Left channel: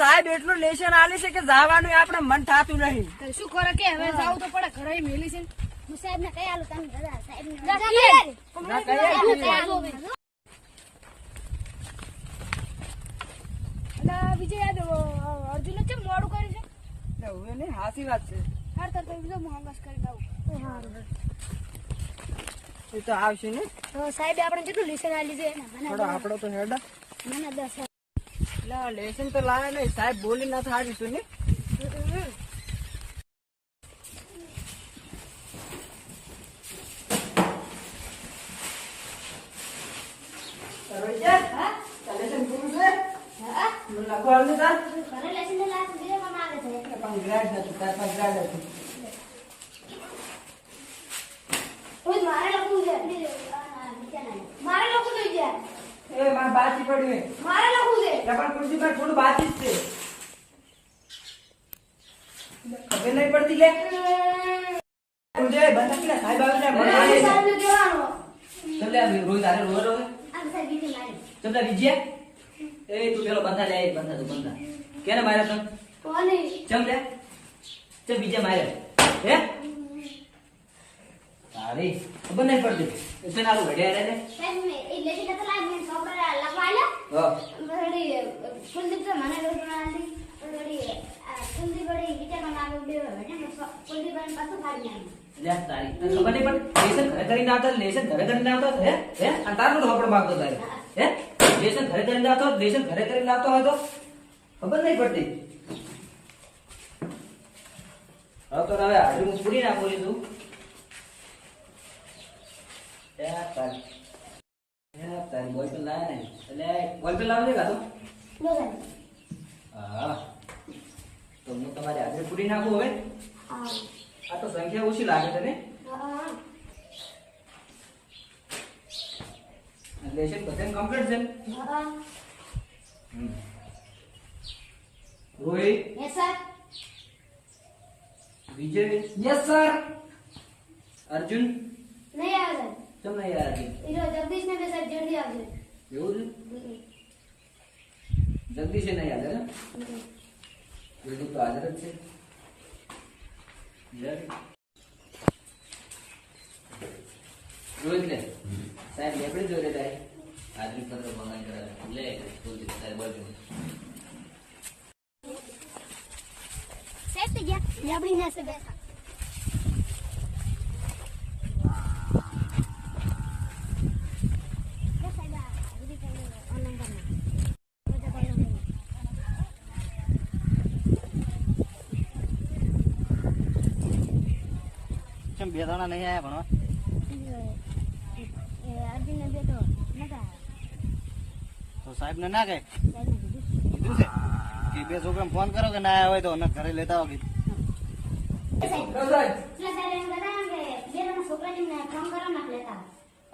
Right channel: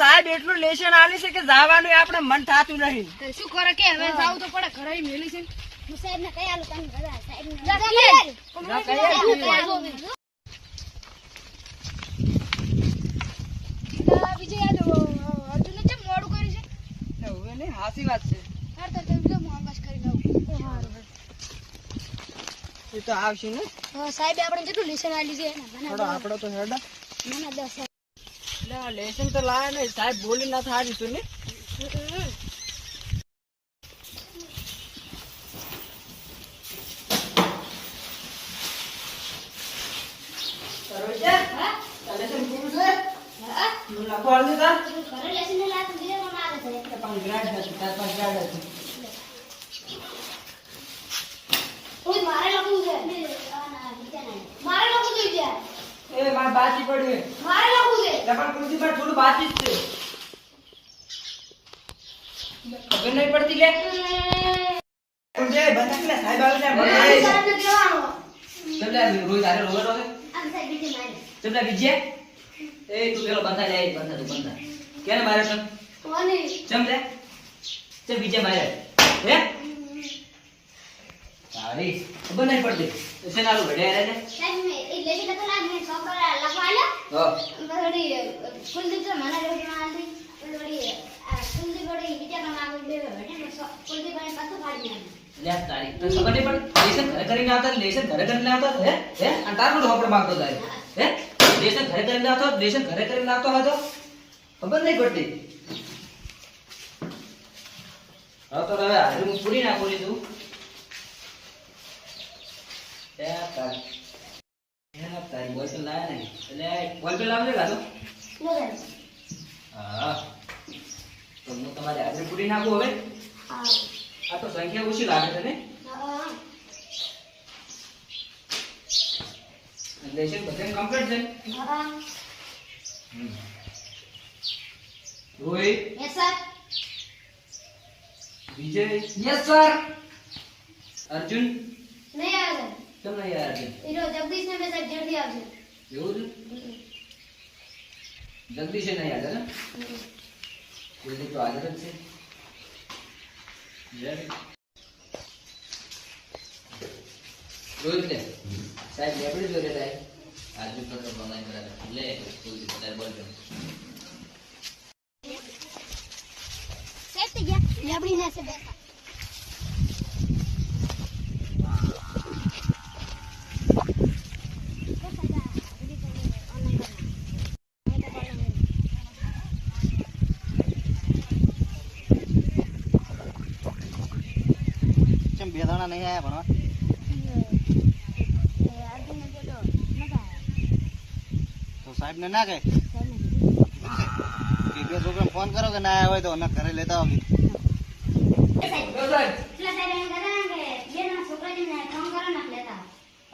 સાહેબ એટલું લેશન આલી છે કે જવાનું આપણે મન થતું નહીં. શું કરે કે હવે જાવું તો પડે ઘરે મેલી છે. સાહેબ ને કઈ આલું તમે બધા? સાહેબ અર્જુને ચેમ મોડું કર્યું છે? હવે નહીં હાસી વાત છે. હાર તો હું આકાશ કરી દઉં એ તો આવશે ને? તો આપણે કેટલું લેશન આલી છે? થોડો આપણો તો હેડા. ના દસ એટલે લેશન તો લાયા નહીં સાહેબ બોલી ના થારી તું ને લેસન મારે લખવું છે મારે લખવું બીજા એ મારે બાકી પડી છે. મારે લખું છે? પણ પણ કુલદીપભાઈ થોડું બાકી જ છે. ખબર નહીં પડતી લે. કુલદીપ બંધ કે સાહેબ આવે છે મને સાહેબ ને કહેવાનો. ચમ લે રોહિત આરે રોવે રોવે આ સાહેબ બીજે મારે. ચમ બીજે? એ તું પેલો બંધા લે બંધા તું બંધા કેને મારે તમ કોને? ચમ લે? ચમ બીજે મારે. હે? તારી ખબર નહીં પડતી. છે નારું ઘડિયા રે ને? સાહેબ મે એ લેસન તો લાગ મે સોબર લખવા હા. બડી કુલદીપ તો મને રોટી મારી બડી કુલદીપ બડી બીજા મારું બે બેઠે ને કુલદીપ ને પાછું ફાડી નાખ્યું લે તારી. તને ખબર નહીં પડતી લેસન ઘરે કરીને આવતા લેસન ઘરે કરીને આવતા હે? હે? અને તારું હોપડ માંગતો તારે? હે? લેસન ઘરે કરીને આવતો લેસન ઘરે કરીને આવતો હતો ખબર નહીં પડતી? હવે તો હવે હાજર હું પૂરી નાખું એ તારી બોલ એટલે બોલ પેન લાવજે કાં હા તો હું તમારી હાજર પૂરી નાખું હવે આ તો સંખ્યા ઓછી લાગે તને લેશન બધાને કમ્પ્લીટ છે Rohit yes sir Vijay yes sir Arjun નહીં આવે તમને યાર અર્જુન એ જો જગદીશ ને મેં સાહેબ જલ્દી આવશે એવું છે? જગદીશ એ નહીં હાજર હે? જગદીશ તો હાજર જ છે. યાર. રોહિત ને સાહેબ લેપડી જોડે થાય આજનું પત્ર ભંગાઈ કરાવે લે બોલ તારે બોલજો. સાહેબ તો ગયા. લેબડી ને છે બે દાણા નહીં આવ્યા ભણવા તો સાહેબ ને ના કહે? કીધું એ બે છોકરાને ફોન કરો કે ના આવ્યા હોય તો એને ઘરે લેતા આવો કીધું.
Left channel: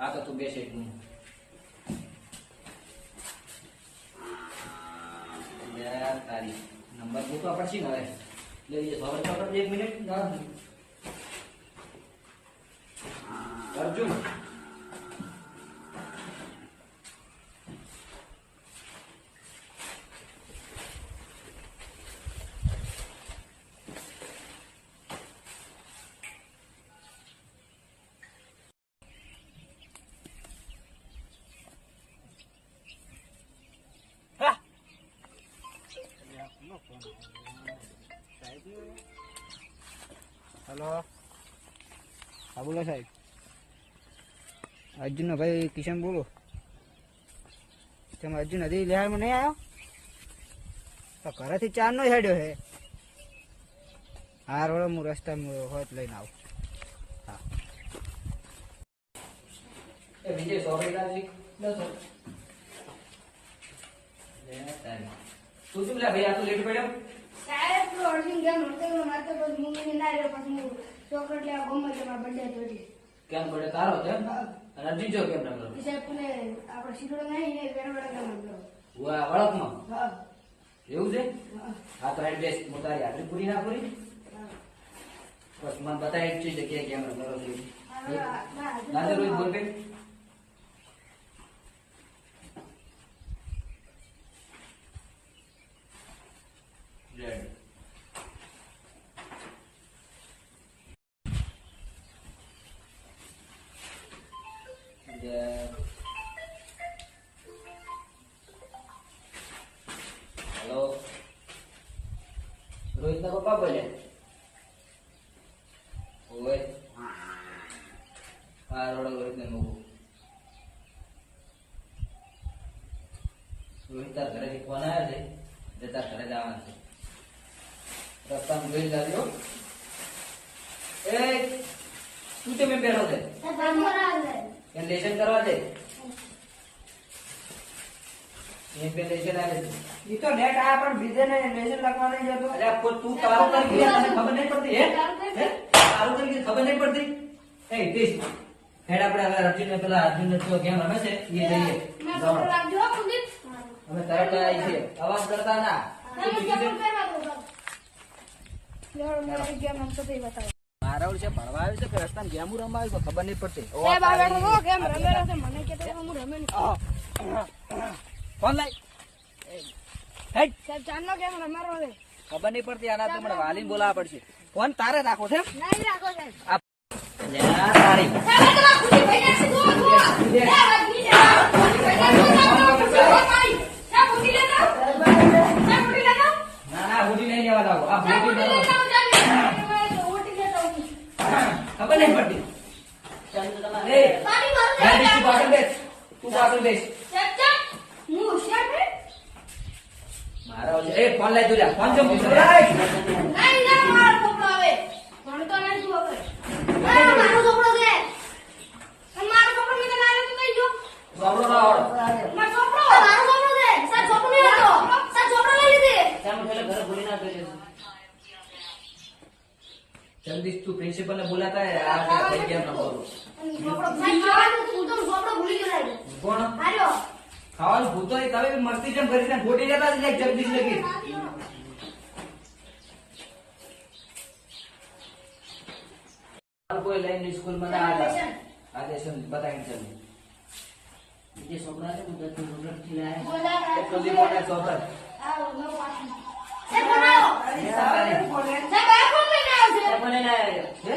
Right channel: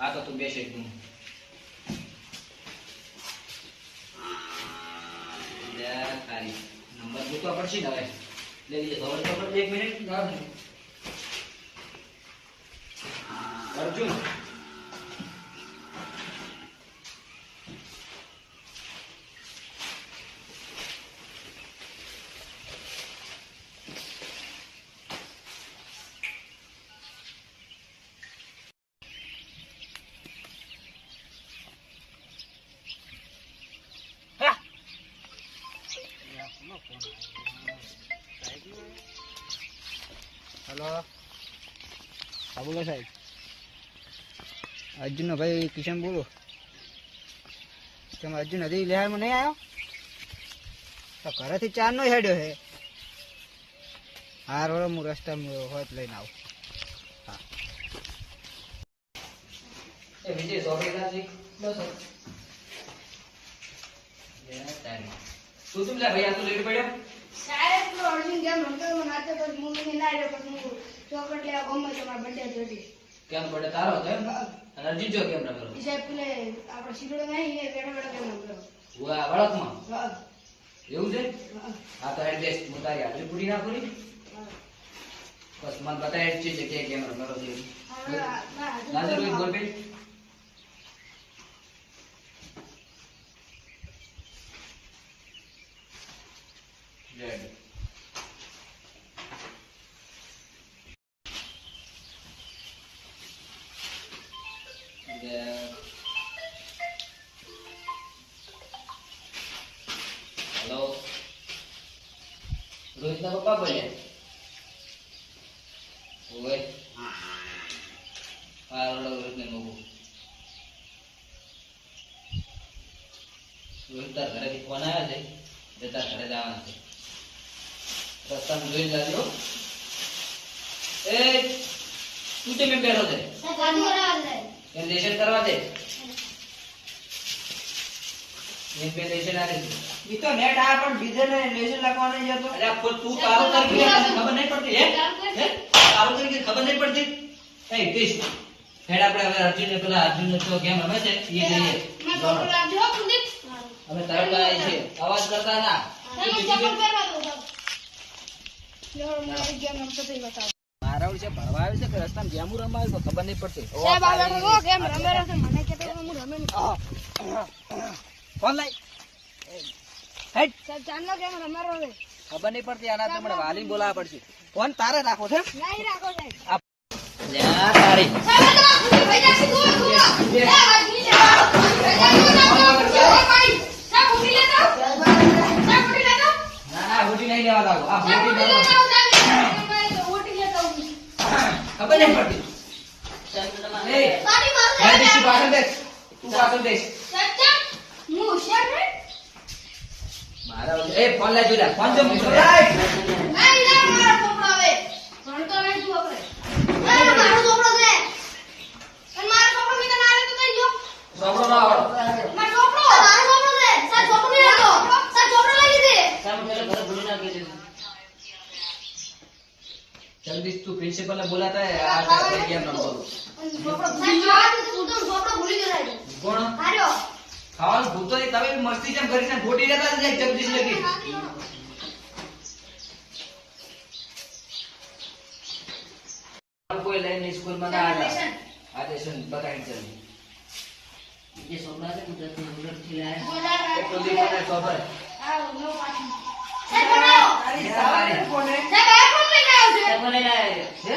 તો ને તો બેસે નંબર મૂકવા પડશે ને હવે? એક મિનિટ અર્જુન હેલો હા બોલો સાહેબ અર્જુનનો ભાઈ કિશન બોલો. તમે અર્જુન હજી લેહારમાં નહીં આવ્યો? તો ઘરેથી ચારનો હેડ્યો હે. હા રોડ હું રસ્તા હોત લઈને આવું. હા. વિજય સોપડી રાજી બસ. તું શું લે ભાઈ આ તો લેટ પડ્યો? સાહેબ પેલો અર્જુન જેમ રમતો હતો મારતો પછી મમ્મીને ના રહ્યો પણ હું ચોકલેટ લેવા ગમે તમારા બંડે જોડી. કેમ પડે તારો હતો? અને અર્જુન જો કેમ ના કરો? સાહેબ પેલે આપણે શીખડો નહીં એ બેઠો બેઠો કેમ રમતો વાહ વળકમાં? વાહ એવું છે? હા. તો એડ્રેસ મોટા તારી પૂરી ના કરી બસ મને બતાવી છે જગ્યાએ કેમ કરો છો ના ના જરૂર બોલ રોહિતના પપ્પા બોલ્યા ઓય હા રડો રોહિતને મૂકું રોહિત તાર ઘરેથી ફોન આવ્યા છે જતા તાર ઘરે જવાના છે રસ્તામાં જોઈ જાજો એ તું તે મેં બેઠો છે કેમ છે લેશન કરવા દે એમ બે લેશન આવે છે ઈ તો નેટ આ પણ બીજે ને લેશન લખવા નહીં જતો અરે આ તું તારું કરી કે ખબર નહીં પડતી હે? તારું કરી કે ખબર નહીં પડતી? એ કેશ. હેડ આપણે હવે અર્જુન પેલા અર્જુન તો ગેમ રમે છે? એ જઈએ. અમે તરત આવી છીએ અવાજ કરતા ના. મારે છે ભણવા આવે છે કે રસ્તામાં ગેમ રમવા આવે છે? ખબર નહીં પડતી. સાહેબ આ બેઠો ગેમ રમે છે. મને કે હું રમે નહીં. ફોન લાઈ સાહેબ ચાંદલો ગેમ રમાડો છે ખબર નહીં પડતી આના તો મને વાલીને બોલાવવા પડશે ફોન તારે રાખો છે નહીં રાખો ખબર નહીં પડતી મારું દીક્ષિત પાછળ બેસ તું પાછળ બેસ સાહેબ ચાપ હું હોશિયાર ને મારા ઓળ- એ ફોન લાઈ જોઈ ફોન જો જગદીશ તું પ્રિન્સિપલ ને બોલાતા હે આ ભૂલી ગયો કોણ? હાર્યો. ખાવાનું ભૂતો નહીં તમે મસ્તી જેમ કરી છે? ખોટી જતા જ જાય જગદીશ લગી. કોઈ લઈને સ્કૂલમાં ના હતા આજે શું બતાવી ચાલી એક અને સોબર આ નો પાછી. સાહેબ બનાવો તારી સારી કોને સાહેબ આ કોણ લઈને આવ્યો છે?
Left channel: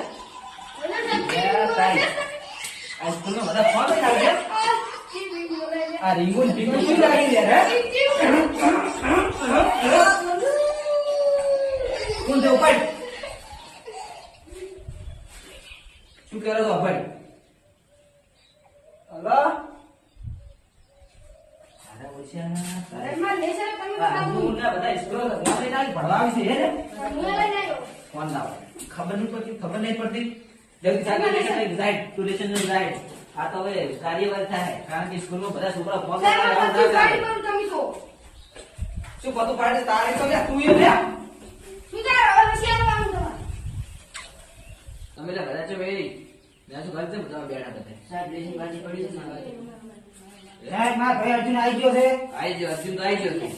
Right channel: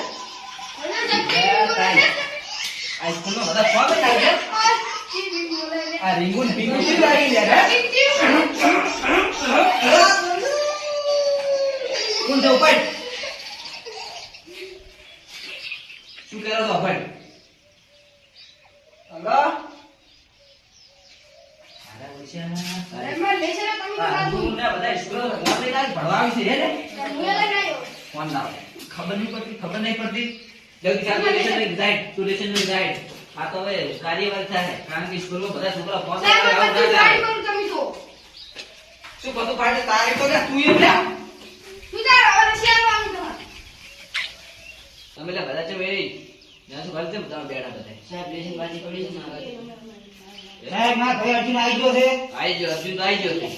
છે સ્કૂલમાં બધા ફોન લઈને છે છે? આ રીંગુન ભીંગુન શું લાગી લે હે કોણ છે ઉપાડ શું કરો છો ઉપાડ હલો તારા ઓછા તારા ઘરમાં લેશે ને તમે આ બતાવો હું ને બધા સ્કૂલ ફોન લઈને આવી ભણવા આવી છે હે ને હું લઈને આવ્યો ફોન લાવ ખબર નહીં પડતી ખબર નહીં પડતી જલ્દી ચાલ તું લેશન લઈ તું લેશન લઈ આ તો હવે કાર્યવાહી થાય કારણ કે સ્કૂલમાં બધા છોકરા ફોન લઈને આવું તો શું? બધું ફાડે તારે તો તું એ તું તમારે. તમે બધા છે ભાઈ. મેં શું કરી બધા બેઠા બધા. સાહેબ મારા ભાઈ. અર્જુન આવી ગયો છે. આઈ ગયો અર્જુન તો આવી ગયો છે.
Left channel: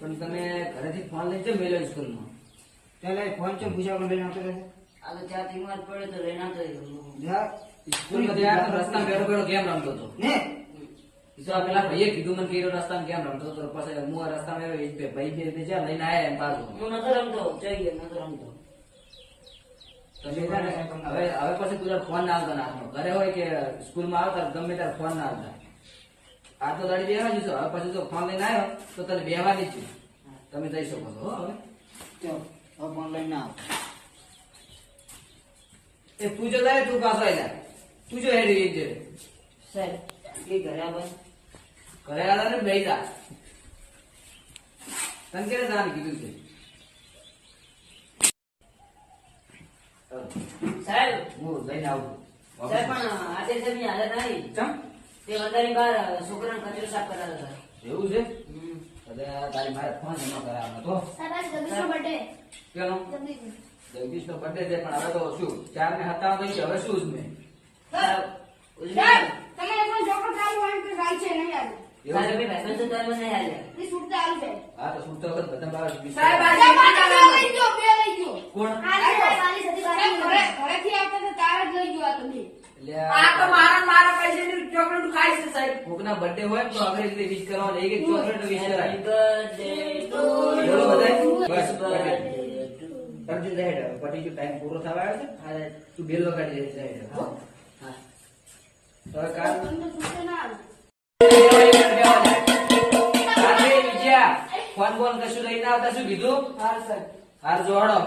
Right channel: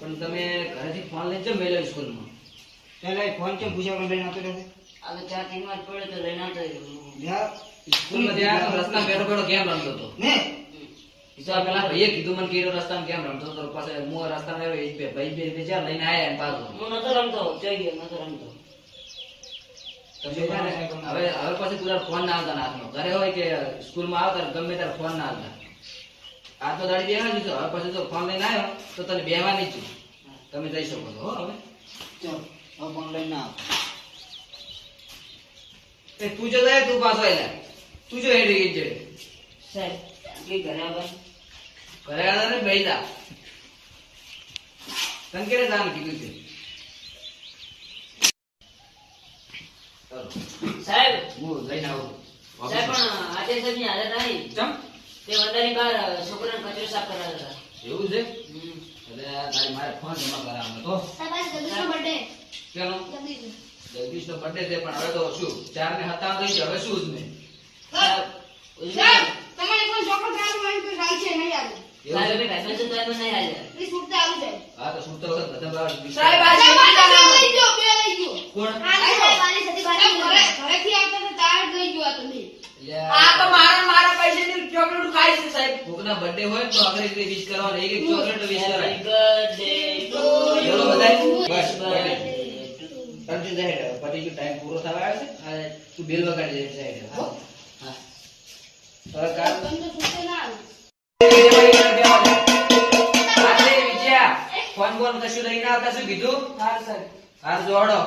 પણ તમે ઘરેથી ફોન લઈને ચમ મેલ્યો સ્કૂલમાં. ચાલો ફોન કેમ પૂછા લઈને આવતો રહેશે? જા. સ્કૂલમાં ત્યાં રસ્તા બેઠો બેઠો ગેમ રમતો હતો. ને? તો પેલા ભાઈએ કીધું મને કે ઈ રસ્તામાં ગેમ રમતો હતો. પછી હું રસ્તામાં આવ્યો એ જ બે- ભાઈ બે બે જ્યાં લઈને આયા એમ પાછો. તમે છે ને, હવે હવે પછી તું ફોન ના આવતા ના હાથમાં. ઘરે હોય કે સ્કૂલમાં આવતા ગમે ત્યારે ફોન ના આવતા. આ તો દાડી બેવા જશો હવે પછી જો ફોન લઈને આવ્યો તો તને બેહવાની જ છું. તમે જઈ શકો છો હો હવે. ચાલ હવે ફોન લઈને આવ. એ તું જો જાય તું પાછો આયલા. તું જો હેડી ગઈ એ ઘરે આવ્યા ને બેસા તને કેને નામ કીધું છે? સાહેબ હું જઈને આવું સાહેબ પણ આજે સાહેબની હાલત આવી. ચમ તે વંદાની બહાર છોકરાને કચરો સાફ કરાવતા એવું છે? અરે તારી મારે ફોન જમા કરાવવાનો તો સાહેબ જગદીશનો birthday. કેનો? જગદીશ જગદીશ બર્થડે છે પણ હવે તો શું? ચાર ને હતા થઈ હવે શું જ ને સાહેબ સાહેબ તમારે કોઈ ચોકડ ચાલુ હોય તો સાહેબ છે નહીં આવે એવું સાહેબ છે ભાઈ ભાઈ તો નહીં હાલ્યા એ છૂટતા આવી જાય હા તો શું તો બાર સાહેબ, આ લઈ ગયો બે લઈ ગયો. કોણ? આ. પાણી સતી સાહેબ ઘરે બારી ઘરેથી આવતા તો તાર જ લઈ જો આ તમે આ તો મારા મારા પૈસાની ચોકલેટ ખાઈ છે સાહેબ. કોકના બર્થડે હોય તો આપણે વિશ કરવા લઈ એક ચોકલેટ વિશ કરાય. Birthday to એવડો બધાય? બસ. અર્જુન સાહેબ પછી જો ટાઈમ પૂરો થવા આવ્યો છે? આ તું બેલ વગાડી દે સાહેબ હા. તો કાલ તમે તો છૂટતો ના આવે. ફોન બોન કશું લઈને આવતા શું કીધું? હા સર હાર જોડો.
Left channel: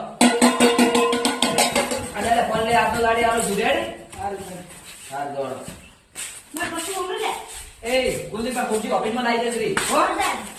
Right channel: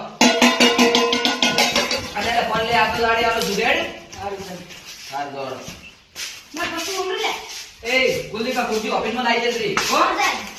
અને એટલે ફોન લે આ તો દાડી આલો જુડેડ? હાર જોડો. ના પછી ઉમરી લે. એ ગુલ્દી કા ખુરશી ઓફિસમાં જશે હો સાહેબ.